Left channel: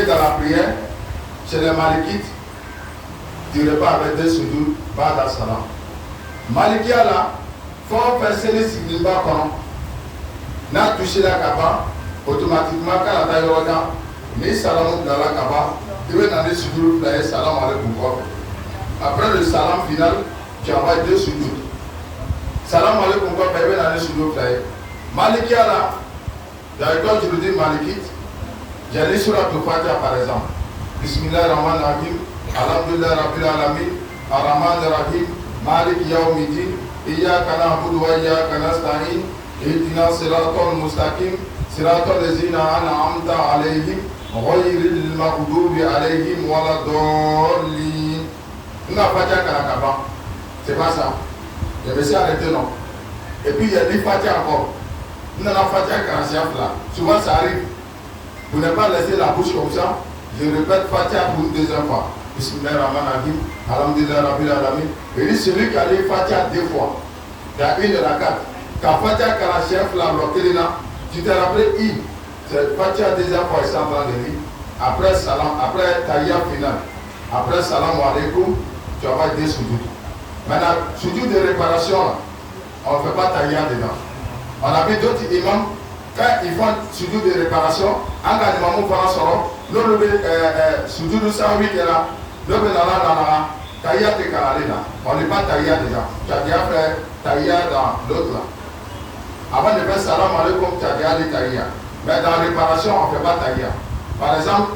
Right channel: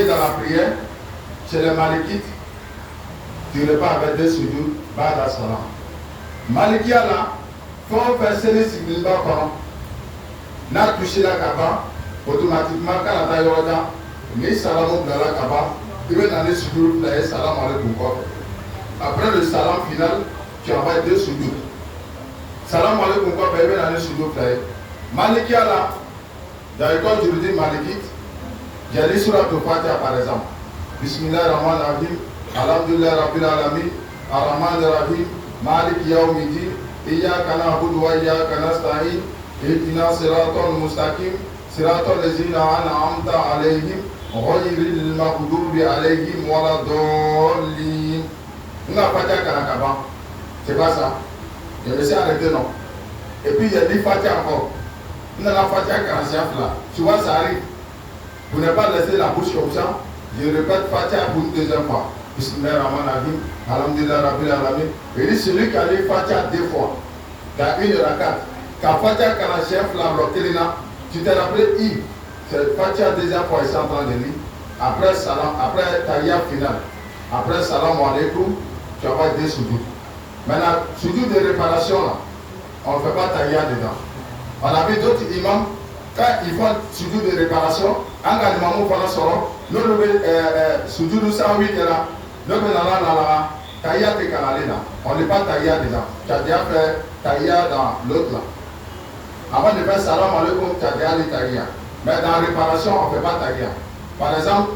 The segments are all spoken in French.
Dans la prière, chez les Malikites, tu repars avec des sujouds, ba'da salam. Malikia là, faut faire celle ci quand n'a touché la kaba, automatiquement quand la taille ni salam dans la kaba, tu veux dans des sujouds, d'ailleurs salam alaikum. Après le salam final, tu envoies deux sujouds. Salam alaikum, tu veux dans des sujouds. Malikia là, dans l'école juridique malikite, j'ai lu sur la Fatiha par exemple. Bismillahirrahmanirrahim. Alhamdulillah Rabbil Alamin. Ar-Rahmanir-Rahim. Malik Yawmiddin. Iyyaka na'budu wa iyyaka nasta'in. Ihdina siratal mustaqim. Siratal ladzina an'amta 'alaihim ghayril maghdubi 'alaihim waladdallin. On a Fatiha Karakaba. C'est pas ça. Je me suis arrêté non. Et puis il y a des Fatiha encore. On a la Fatiha Karasiaf là. Souvent ça arrive. Vous n'avez pas laissé la bouche comme ça. Je répète Fatiha pour une deuxième fois. Bismillahirrahmanirrahim. Alhamdulillah Rabbil Alamin. Et dit celui qui a lu Fatiha deux fois, il y a une rakat. Quand Fatiha Karasiaf là, tu t'es rappelé c'est Fatiha deuxième fois, il est en train de lire. Après salam, après Tahiyya final. Après salam alaikum, tu vas des sujouds. Maintenant, sujouds de réparation là, on ne fait pas Tahiyya dedans. On a vu d'autres imams. Quand ils font sujoud de réparation, en animant par soro, nous le sujoud de 108 là, nous le taïya de Kanalé là. On n'est pas taïya déjà. Tu as déjà fait taïya dans l'autre là. Avant de faire salam alaikum, tu as déjà dit taïya. Mais dans la réparation, on ne fait pas taïya. Par exemple,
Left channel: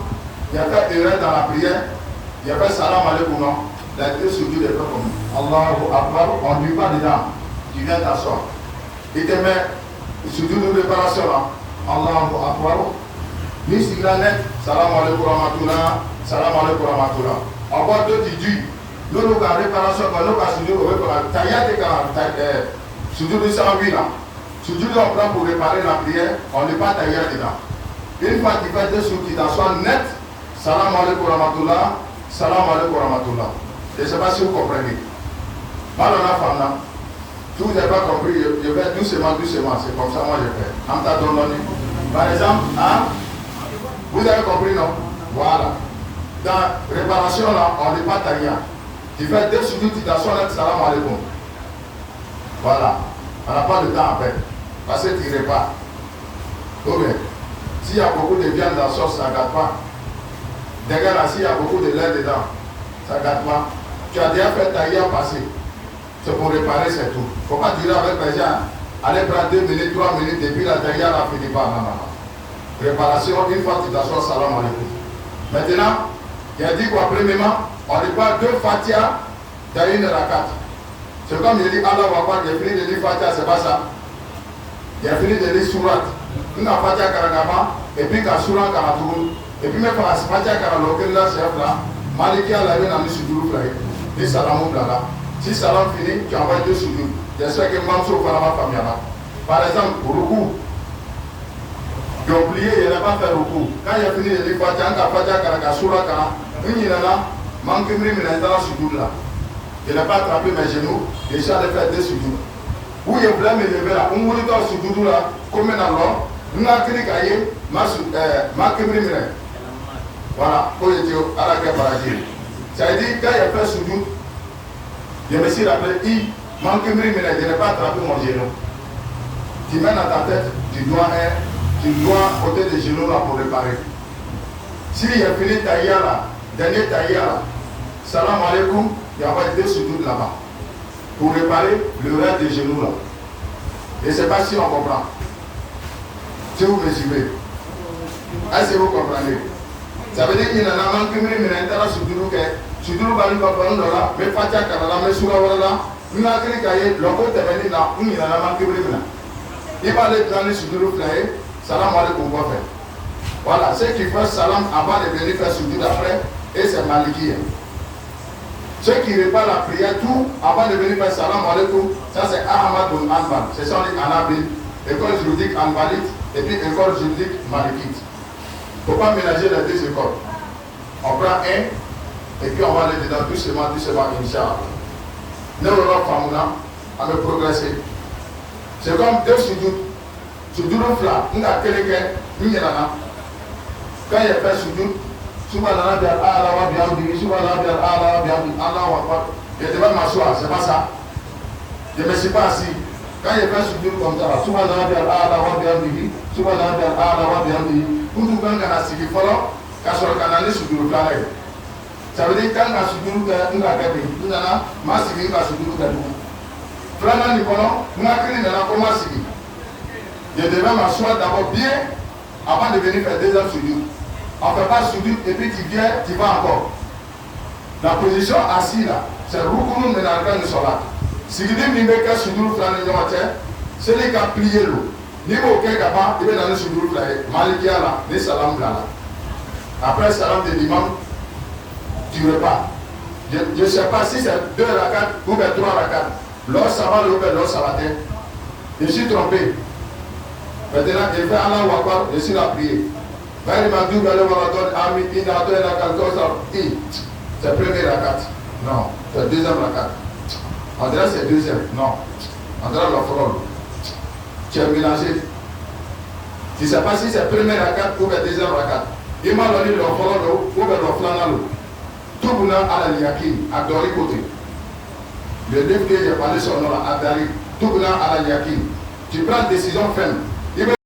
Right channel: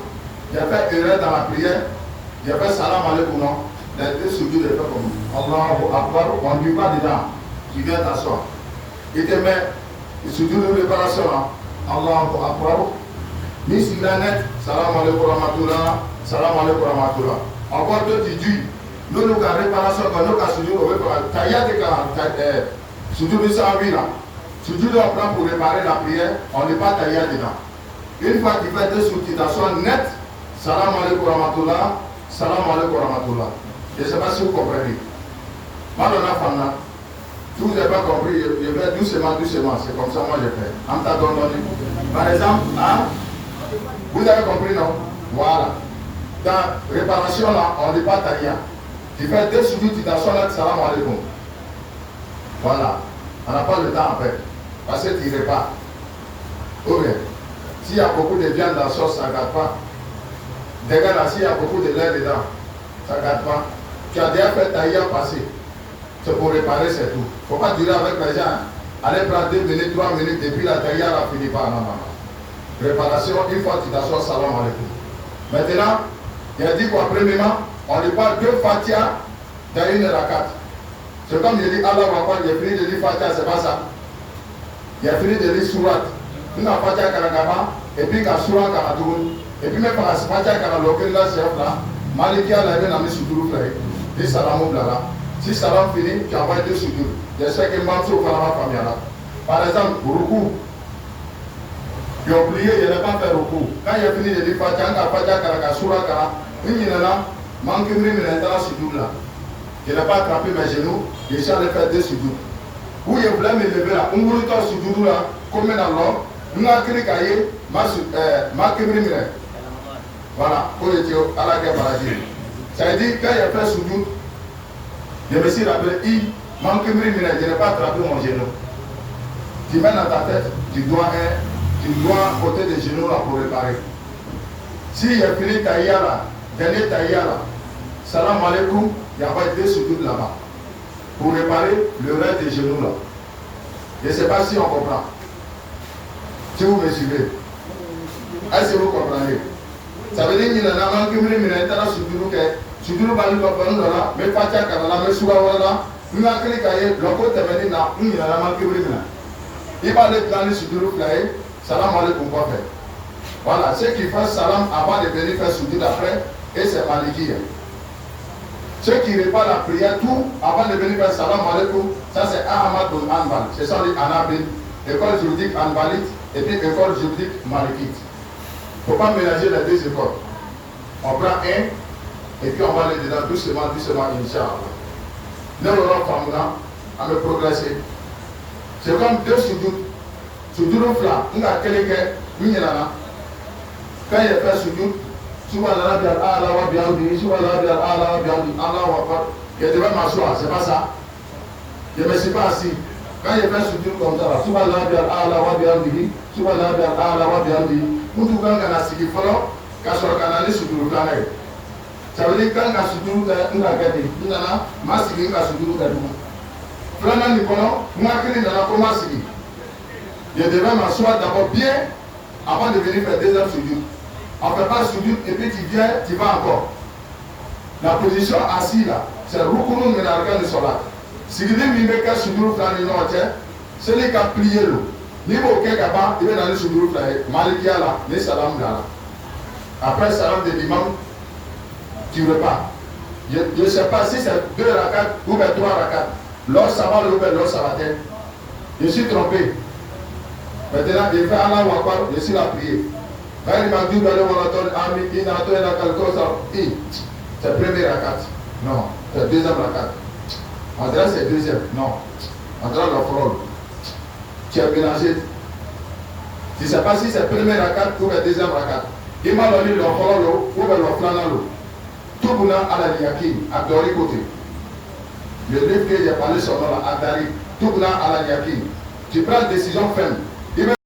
j'ai fait erreur dans la prière, j'ai fait salam alaikum, non. Les deux sujoud de fait comme Allahu Akbar, on ne dit pas dedans. Tu viens t'asseoir. Il te met sujoud de réparation là. Allahu Akbar. Bismillah net. Salam alaikum rahmatullah. Salam alaikum rahmatullah. Encore deux tu dis. Nous nous avons réparation quand nous avons sujoud de réparation. Taïya de sujoud de 108 là. Sujoud on prend pour réparer la prière. On n'est pas taïya dedans. Une fois qu'il fait deux sujoud, tu t'assois net. Salam alaikum rahmatullah. Salam alaikum rahmatullah. Je ne sais pas si vous comprenez. Malheureusement, là. Si vous n'avez pas compris, je vais doucement, c'est comme ça moi je fais. Par exemple, hein? Vous avez compris, non? Voilà. Dans réparation là, on ne dit pas taïya. Tu fais deux sujouds, tu t'assois là, salam alaikum. Voilà. On n'a pas le temps après. Parce que tu répares. Ok. S'il y a beaucoup de viande dans la sauce, ça ne gâte pas. Regarde, s'il y a beaucoup de lait dedans, ça ne gâte pas. Tu as déjà fait taïya passer. C'est pour réparer, c'est tout. Il ne faut pas durer avec les gens. Allez prendre 2 minutes, 3 minutes, depuis la taïya, la finit pas. Non. Réparation, une fois que tu t'assois, salam alaikum. Maintenant, il a dit quoi, premièrement, on ne dit pas deux Fatiha dans une rakat. C'est comme il dit Allah Akbar, il a fini de lire Fatiha, c'est pas ça. Il a fini de lire Surat. Une Fatiha Karakama, et puis quand Surat Karatoun, et puis même quand Fatiha Karalokel, là, chef là, Malikia l'a vu dans le Sudourou, dit Salamou Blala. Si salam finit, tu envoies deux sujouds. J'espère que Mansour va la famille là. Par exemple, Ruku. J'ai oublié, il n'a pas fait Ruku. Quand il a fini de dire Fatiha, Fatiha, Karaka, Surah, Kara, il y en a, Mankimri, Minantala, Sujoud là. Je n'ai pas attrapé mes genoux, j'ai déjà fait deux sujouds. Où il voulait me lever là, on voulait dans Sujoud là, comme un alors, nous avons créé Kaye, Mankimri, Minantala. Voilà, pour les Théo, à la guerre par la guerre. Ça veut dire, quand il a fait Sujoud, je me suis rappelé, je n'ai pas attrapé mon genou. Tu mets dans ta tête, tu dois côté des genoux là pour réparer. Si il a fini taïya là, dernier taïya là, salam alaikum, il y a pas deux sujouds là-bas. Pour réparer le reste des genoux là. Je ne sais pas si on comprend. Si vous me suivez. Est-ce que vous comprenez? Ça veut dire qu'il y a un manque de Suduru bali baba ndora me fatia kana me suga wala na kiri kaye loko tebeni na ni na ma kibri na iba le plan Suduru flaye salam alaikum wa fait. Voilà, ceux qui font salam avant de venir faire Suduru après et c'est maliki. Ceux qui réparent la prière tout avant de venir faire salam alaikum, ça c'est Ahmad bin Hanbal, c'est ça les Anabil, école juridique Hanbalite et puis école juridique Malikite. Il ne faut pas mélanger les deux écoles. On prend un et puis on va aller dedans doucement, Inch'Allah. Nous allons faire à me progresser. C'est comme deux sujouds flat. Nous avons quelqu'un, nous y en a. Quand il a fait sujoud, Subhanallah al-A'la wa bihamdihi, Subhanallah al-A'la wa bihamdihi, Allahu Akbar. Je devais m'asseoir, c'est pas ça. Je ne me suis pas assis. Quand je fais sujoud comme ça, Subhanallah al-A'la wa bihamdihi, Subhanallah al-A'la wa bihamdihi, pour tout le monde qui a suivi, quand on a allé sujoud, ça veut dire quand on a sujoud, on a gagné. On a suivi, on a sujoud, on a gagné. Frère Nicolas, on a créé comment suivi. Je devais m'asseoir d'abord bien avant de venir faire deuxième sujoud. On ne fait pas sujoud et puis tu viens, tu vas encore. La position assise là, c'est le recours de l'argent de solat. Si vous dites que vous avez sujoud, celui qui a plié l'eau. Niveau auquel gaba, il va dans le sujoud là, Malikia là, les salam là. Après le salam de l'imam, tu repars. Je ne sais pas si c'est 2 rakats ou 3 rakats. L'or ça va, l'or ça va. Je suis trompé. Maintenant, je fais Allah ou Akbar, je suis là à prier. C'est premier rakat. Non, c'est deuxième rakat. On dirait c'est deuxième. Non. On dirait le frôle. Tu as mélangé. Tu ne sais pas si c'est premier rakat ou le deuxième rakat. Il m'a donné le frôle ou le flanal. Tout le monde a la liaki, à Dori côté. Le livre que j'ai parlé sur nous, à Dari. Tout le monde a la liaki. Tu prends une décision ferme.